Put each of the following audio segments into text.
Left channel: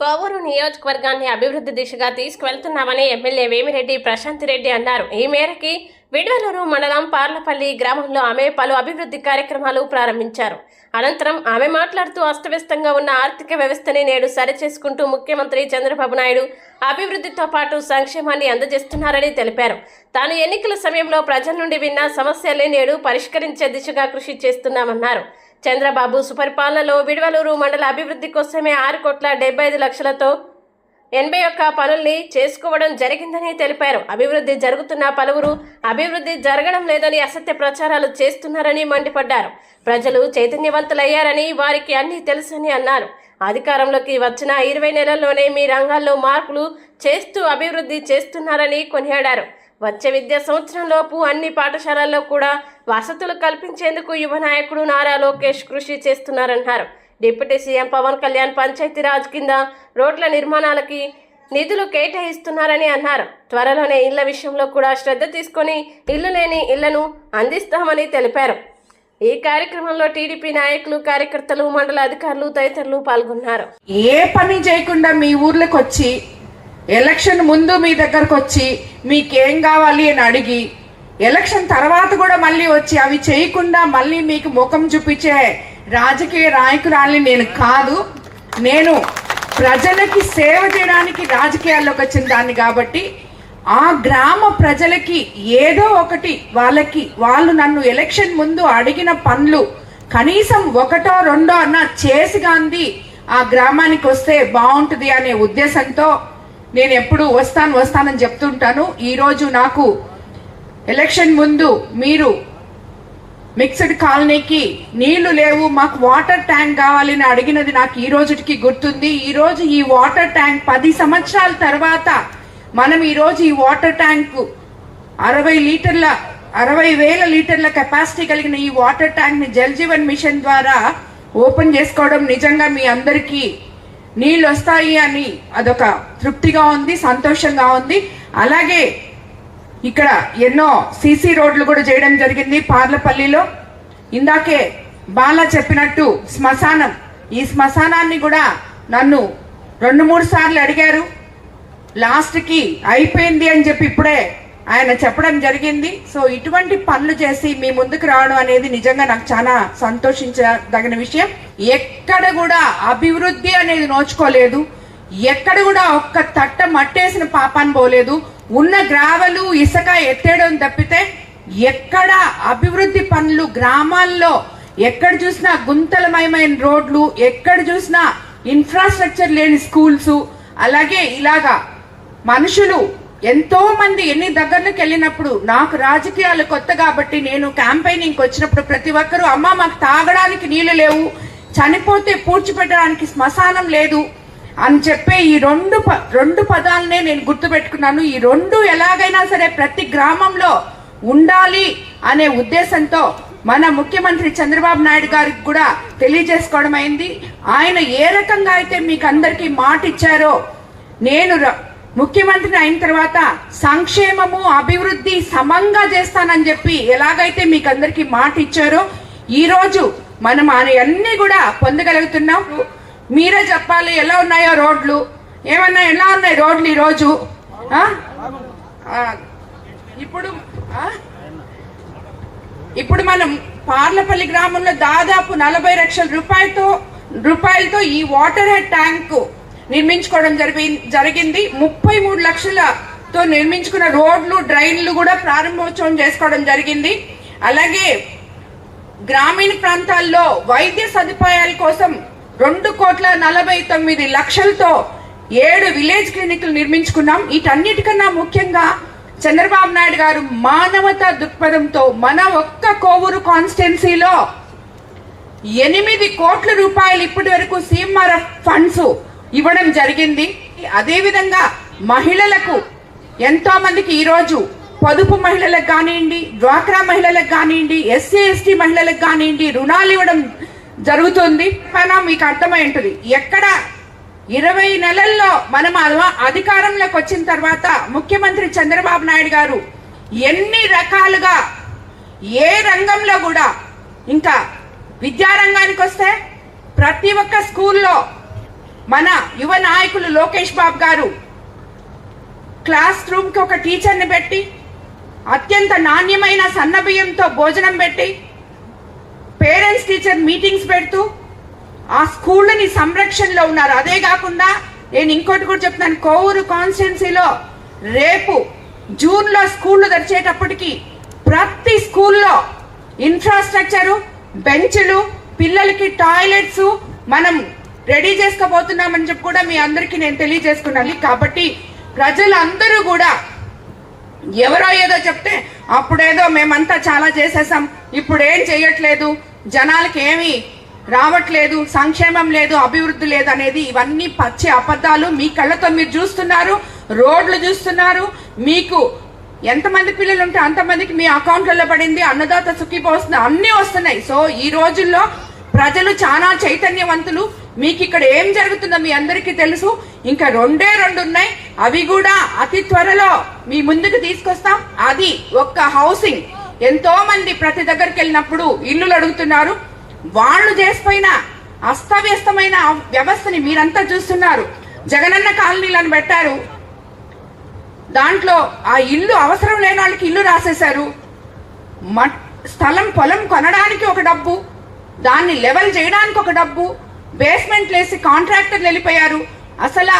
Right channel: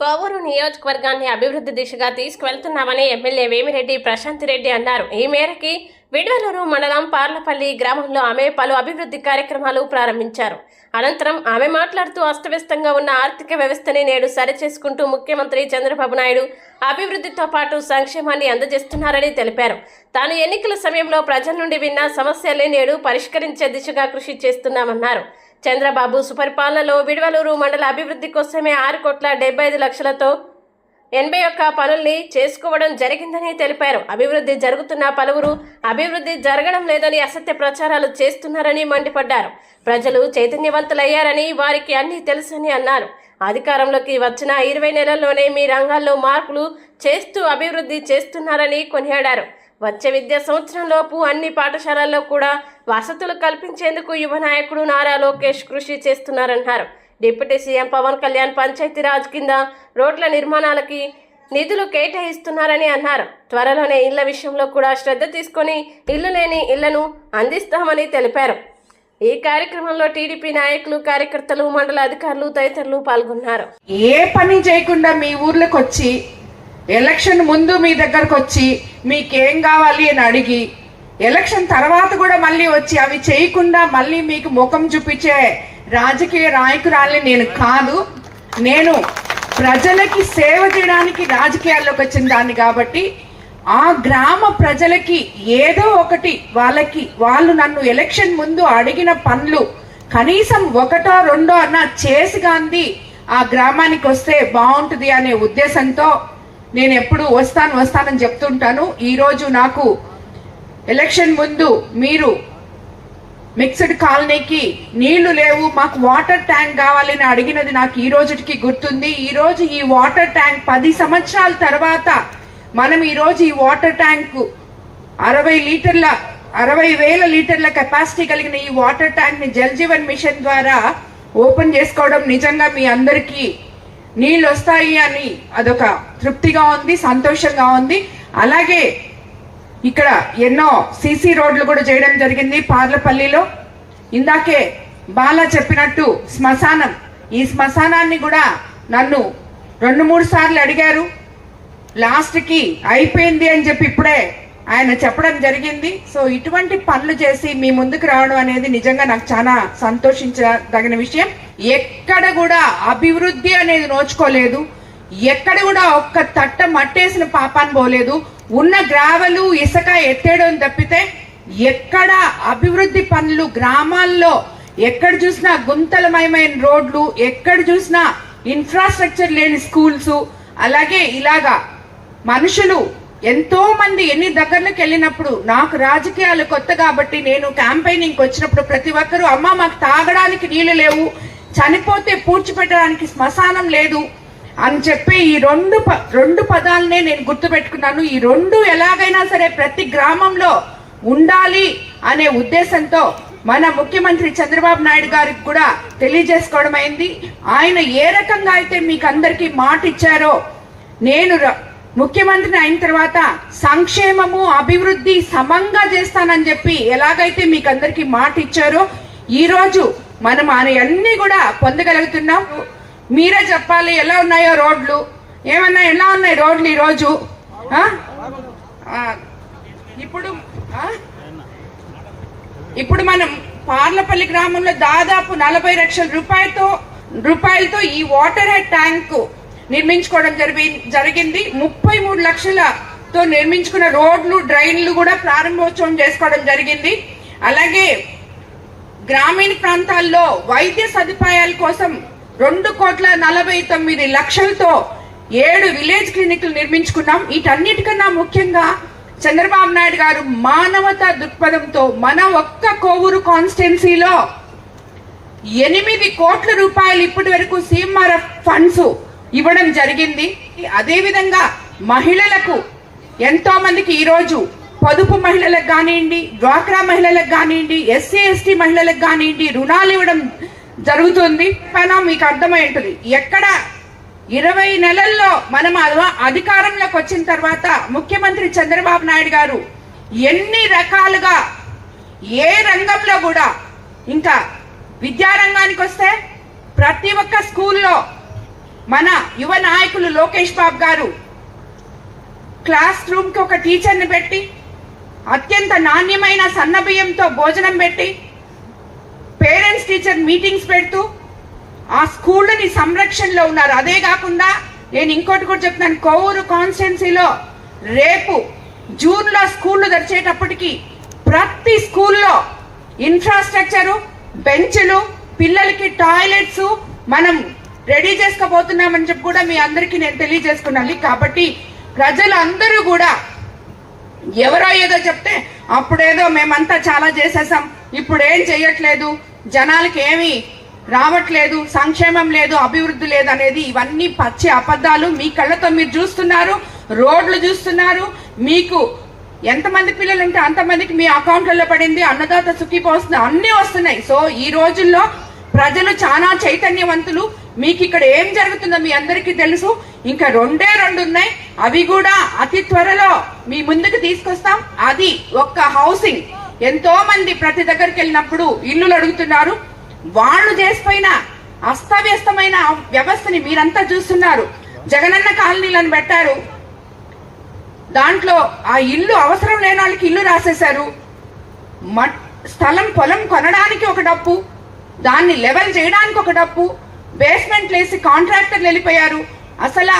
కోవూరు నియోజకవర్గాన్ని అభివృద్ధి దిశగా తీసుకువెళ్తున్నామని ఎమ్మెల్యే వేమిరెడ్డి ప్రశాంత్ రెడ్డి అన్నారు. ఈ మేరకి విడవలూరు మండలం పార్లపల్లి గ్రామంలో ఆమె పలు అభివృద్ధి కార్యక్రమాలు ప్రారంభించారు. అనంతరం ఆమె మాట్లాడుతూ అస్తవ్యస్తంగా ఉన్న ఆర్థిక వ్యవస్థని నేడు సరిచేసుకుంటూ ముఖ్యమంత్రి చంద్రబాబు నాయుడు అభివృద్ధితో పాటు సంక్షేమాన్ని అందజేస్తున్నారని తెలిపారు. తాను ఎన్నికల సమయంలో ప్రజల నుండి విన్న సమస్యల్ని నేడు పరిష్కరించే దిశగా కృషి చేస్తున్నామన్నారు. చంద్రబాబు సుపరిపాలనలో విడవలూరు మండల అభివృద్ధి కోసమే 6,75,00,000తో 81 పనుల్ని చేసుకోవడం జరిగిందని తెలిపారు. అభివృద్ధి జరుగుతున్న పలువురు అభివృద్ధి జరగడం లేదని అసత్య ప్రచారాలు చేస్తున్నారని మండిపడ్డారు. ప్రజలు చైతన్యవంతులయ్యారని, వారికి అన్నీ తెలుసని అన్నారు. అధికారంలోకి వచ్చిన 20 నెలల్లోనే మీ రంగాల్లో మార్పులు చేస్తూ అభివృద్ధి చేస్తున్నారని కొనియాడారు. వచ్చే విద్యా సంవత్సరంలోపు అన్ని పాఠశాలల్లో కూడా వసతులు కల్పించేందుకు యువ నాయకుడు నారా లోకేష్ కృషి చేస్తున్నారన్నారు. డిప్యూటీ సీఎం పవన్ కళ్యాణ్ పంచాయతీరాజ్ కింద రోడ్ల నిర్మాణాలకి నిధులు కేటాయిస్తున్నారని అన్నారు. త్వరలోనే ఇళ్ల విషయంలో కూడా శ్రద్ధ తీసుకొని ఇల్లు లేని ఇళ్లను అందిస్తామని తెలిపారు. ఈ కార్యక్రమంలో టీడీపీ నాయకులు, కార్యకర్తలు, మండల అధికారులు తదితరులు పాల్గొన్నారు. ఏ పని చేయకుండా మీ ఊర్లకు వచ్చి, ఎలక్షన్ ముందు మీ దగ్గరకు వచ్చి మీకేం కావాలి అని అడిగి, ఎలక్షన్ తర్వాత కూడా మళ్ళీ వచ్చి అవి చేయకుండా మళ్ళీ మీకు ముఖం చూపించే రాజకీయ నాయకురాల్ని నేను కాదు. నేను ప్రజలకి సేవ చేయడానికి రాజకీయాల్లోకి వచ్చిన దాన్ని కాబట్టి ఆ గ్రామ ప్రజలకి ఏదో ఒకటి వాళ్ళు నన్ను ఎలక్షన్ ముందు అడిగిన పనులు కనీసం 1, 2 అన్నా చేసి గాంధీ ఆ గ్రామానికి వస్తే బాగుంటుంది అనే ఉద్దేశంతో నేను ఎప్పుడు వస్తానని చెప్తుంటాను. ఈరోజు నాకు ఎలక్షన్ ముందు మీరు మిక్స్డ్ కాలనీకి నీళ్లు లేవు, మాకు వాటర్ ట్యాంక్ కావాలని అడిగినది నాకు ఈ రోజుకి గుర్తుంది. ఈ రోజు ఈ వాటర్ ట్యాంక్ 10 సంవత్సరాల తర్వాత మనం ఈ రోజు ఈ వాటర్ ట్యాంక్ 60,000 లీటర్ల కెపాసిటీ కలిగిన ఈ వాటర్ ట్యాంక్ ని జల్ జీవన్ మిషన్ ద్వారా ఓపెన్ చేసుకోవడం నిజంగా మీ అందరికీ నీళ్ళు వస్తాయి అని అదొక తృప్తిగా ఉంది, సంతోషంగా ఉంది. అలాగే ఇక్కడ ఎన్నో సీసీ రోడ్లు కూడా చేయడం జరిగింది పార్లపల్లిలో. ఇందాకే బాలా చెప్పినట్టు శ్మశానం, ఈ శ్మశానాన్ని కూడా నన్ను 2-3 సార్లు అడిగారు. లాస్ట్ కి అయిపోయింది అని చెప్పి ఇప్పుడే ఆయన చెప్పడం జరిగింది. సో ఇటువంటి పనులు చేసి మీ ముందుకు రావడం అనేది నిజంగా నాకు చాలా సంతోషించదగిన విషయం. ఎక్కడ కూడా అభివృద్ధి అనేది నోచుకోలేదు, ఎక్కడ కూడా ఒక్క తట్ట మట్టేసిన పాపాన్ని పోలేదు. ఉన్న గ్రావెలు, ఇసుక ఎత్తేయడం తప్పితే ఎక్కడ అభివృద్ధి పనులు గ్రామాల్లో ఎక్కడ చూసినా గుంతలమయమైన రోడ్లు, ఎక్కడ చూసినా ఇన్ఫ్రాస్ట్రక్చర్ లేని స్కూల్స్, అలాగే ఇలాగా మనుషులు ఎంతో మంది ఎన్ని దగ్గరకి వెళ్ళినప్పుడు, నాకు రాజకీయాలు కొత్త కాబట్టి నేను క్యాంపెయినింగ్ వచ్చినప్పుడు ప్రతి ఒక్కరూ అమ్మ మాకు తాగడానికి నీళ్లు లేవు, చనిపోతే పూడ్చిపెట్టడానికి శ్మశానం లేదు అని చెప్పే ఈ రెండు పదాలనే నేను గుర్తు పెట్టుకున్నాను. ఈ రెండు ఎలాగైనా సరే ప్రతి గ్రామంలో ఉండాలి అనే ఉద్దేశంతో మన ముఖ్యమంత్రి చంద్రబాబు నాయుడు గారికి కూడా తెలియజేసుకోవడం అయింది. ఆయన ఏ రకంగా అయితే మీకు అందరికీ మాట ఇచ్చారో, నేను ముఖ్యమంత్రిని అయిన తర్వాత సంక్షేమము అభివృద్ధి సమంగా చేస్తానని చెప్పి ఎలాగైతే మీకు అందరికీ మాట ఇచ్చారో ఈ రోజు మనం అన్ని కూడా పొందగలుగుతున్నాం. మీరే చెప్పాలి ఎలా ఉన్నాయో రోడ్లు, ఎలా ఉన్నాయి రోడ్లు ఈ రోజు. ఇప్పుడు మనం పార్లపల్లి గ్రామంలో దాదాపు 40 లక్షల రూపాయలతో ఈ వాటర్ హెడ్ ట్యాంక్ నిర్మించుకోవడం జరిగింది. 33 లక్షలతో నిర్మించుకున్న రోడ్లు, డ్రైన్లు కూడా ప్రారంభోత్సవం చేసుకోవడం జరిగింది. అలాగే గ్రామీణ ప్రాంతాల్లో వైద్య సదుపాయాల కోసం 2,49,00,000తో 7 విలేజ్ క్లినిక్లు నిర్మించుకున్నాం. వీటన్నిటికన్నా ముఖ్యంగా చంద్రబాబు నాయుడు గారు మానవతా దృక్పథంతో మన ఒక్క కోవూరు కాన్స్టిట్యున్సీలో 8 కోట్ల రూపాయలు ఇప్పటి వరకు సీఎంఆర్ఎఫ్ ఫండ్స్ ఇవ్వడం జరిగింది. అదేవిధంగా మహిళలకు ఎంతో మందికి ఈరోజు పొదుపు మహిళలకు కానివ్వండి, డ్వాక్రా మహిళలకు కానివ్వండి, ఎస్సీ ఎస్టీ మహిళలకు కానివ్వండి రుణాలు ఇవ్వడం జరుగుతుంది. మీకు అర్థమై ఉంటుంది. ఎక్కడ 20 నెలల్లో మనం అధికారంలోకి వచ్చిన తర్వాత ముఖ్యమంత్రి చంద్రబాబు నాయుడు గారు ఎన్ని రకాలుగా ఏ రంగంలో కూడా, ఇంకా విద్యారంగానికి వస్తే ప్రతి ఒక్క స్కూల్లో మన యువ నాయకులు లోకేష్ బాబు గారు క్లాస్ రూమ్ కి ఒక టీచర్ని పెట్టి అత్యంత నాణ్యమైన సన్నబియ్యంతో భోజనం పెట్టి పేరెంట్స్ టీచర్ మీటింగ్స్ పెడుతూ ఆ స్కూళ్ళని సంరక్షణలో ఉన్నారు. అదే కాకుండా నేను ఇంకోటి కూడా చెప్తున్నాను, కోవూరు కాన్స్టిట్యున్సీలో రేపు జూన్ లో స్కూళ్లు తెరిచేటప్పటికి ప్రతి స్కూల్లో ఇన్ఫ్రాస్ట్రక్చరు, బెంచ్లు, పిల్లలకి టాయిలెట్స్ మనం రెడీ చేసుకోబోతున్నామని చెప్పి కూడా మీ అందరికీ నేను తెలియజేసుకున్నాను. కాబట్టి ప్రజలందరూ కూడా ఎవరో ఏదో చెప్తే అప్పుడేదో మేమంతా చాలా చేసేసాం, ఇప్పుడు ఏం చెయ్యట్లేదు, జనాలకి ఏమీ రావట్లేదు, సంక్షేమం లేదు, అభివృద్ధి లేదు అనేది ఇవన్నీ పచ్చి అబద్ధాలు. మీ కళ్ళతో మీరు చూస్తున్నారు, రోడ్లు చూస్తున్నారు, మీకు ఎంతమంది పిల్లలు ఉంటే అంతమందికి మీ అకౌంట్లలో పడింది, అన్నదాత సుఖీభవ వస్తుంది, అన్ని వస్తున్నాయి. సో ఈ రోజుల్లో ప్రజలు చాలా చైతన్యవంతులు. మీకు ఇక్కడ ఏం జరుగుతుందో మీ అందరికీ తెలుసు. ఇంకా రెండే ఉన్నాయి, అవి కూడా అతి త్వరలో మీ ముందుకు తీసుకొస్తాం. అది ఒక్క హౌసింగ్. ఎంతో మంది ప్రతి దగ్గరికి వెళ్ళినప్పుడు ఇల్లులు అడుగుతున్నారు. వాళ్ళు చేసిపోయిన అస్తవ్యస్తమైన వ్యవస్థని మీరంతా చూస్తున్నారు. జగనన్న కాలనీలను పెట్టారు, దాంట్లో ఆ ఇల్లు అవసరం లేని వాళ్ళకి ఇల్లు రాసేశారు. స్థలం పొలం కొనడానికి ఒక డబ్బు, దాన్ని లెవెల్ చేయడానికి ఒక డబ్బు, బేస్మెంట్ వేసి కాంట్రాక్టర్లు వెళ్ళిపోయారు. అసలు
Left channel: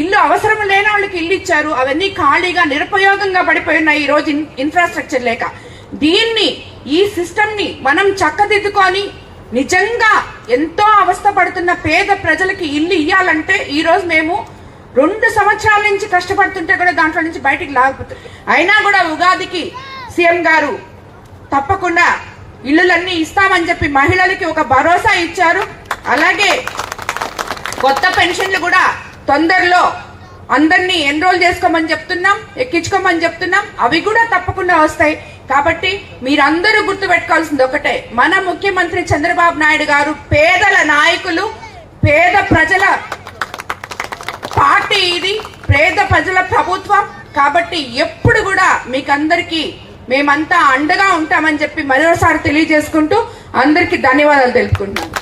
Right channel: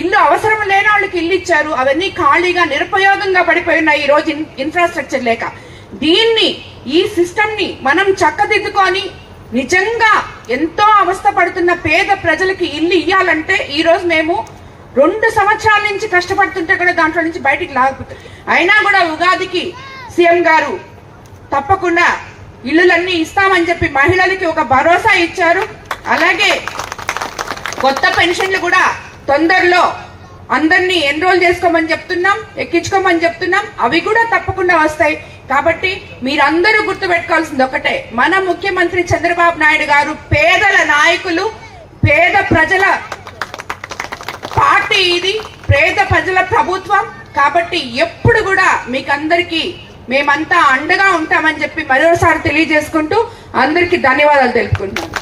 ఇల్లు అవసరం లేని వాళ్ళకి ఇల్లు ఇచ్చారు. అవన్నీ ఖాళీగా నిరుపయోగంగా పడిపోయినాయి ఈ రోజు ఇన్ఫ్రాస్ట్రక్చర్ లేక. దీన్ని ఈ సిస్టమ్ ని మనం చక్కదిద్దుకొని నిజంగా ఎంతో అవస్థ పడుతున్న పేద ప్రజలకి ఇల్లు ఇయ్యాలంటే ఈ రోజు మేము 2 సంవత్సరాల నుంచి కష్టపడుతుంటే కూడా దాంట్లో నుంచి బయటికి లాగపోతాం. అయినా కూడా ఉగాదికి సీఎం గారు తప్పకుండా ఇల్లులన్నీ ఇస్తామని చెప్పి మహిళలకి ఒక భరోసా ఇచ్చారు. అలాగే కొత్త పెన్షన్లు కూడా తొందరలో అందరినీ ఎన్రోల్ చేసుకోమని చెప్తున్నాం, ఎక్కించుకోమని చెప్తున్నాం. అవి కూడా తప్పకుండా వస్తాయి. కాబట్టి మీరందరూ గుర్తుపెట్టుకోవాల్సింది ఒకటే, మన ముఖ్యమంత్రి చంద్రబాబు నాయుడు గారు పేదల నాయకులు, పేద ప్రజల పార్టీ, ఇది పేద ప్రజల ప్రభుత్వం. కాబట్టి ఎప్పుడు కూడా మీకందరికీ మేమంతా అండగా ఉంటామని చెప్పి మరోసారి తెలియజేసుకుంటూ అందరికీ ధన్యవాదాలు తెలుపుకుంటున్నాను.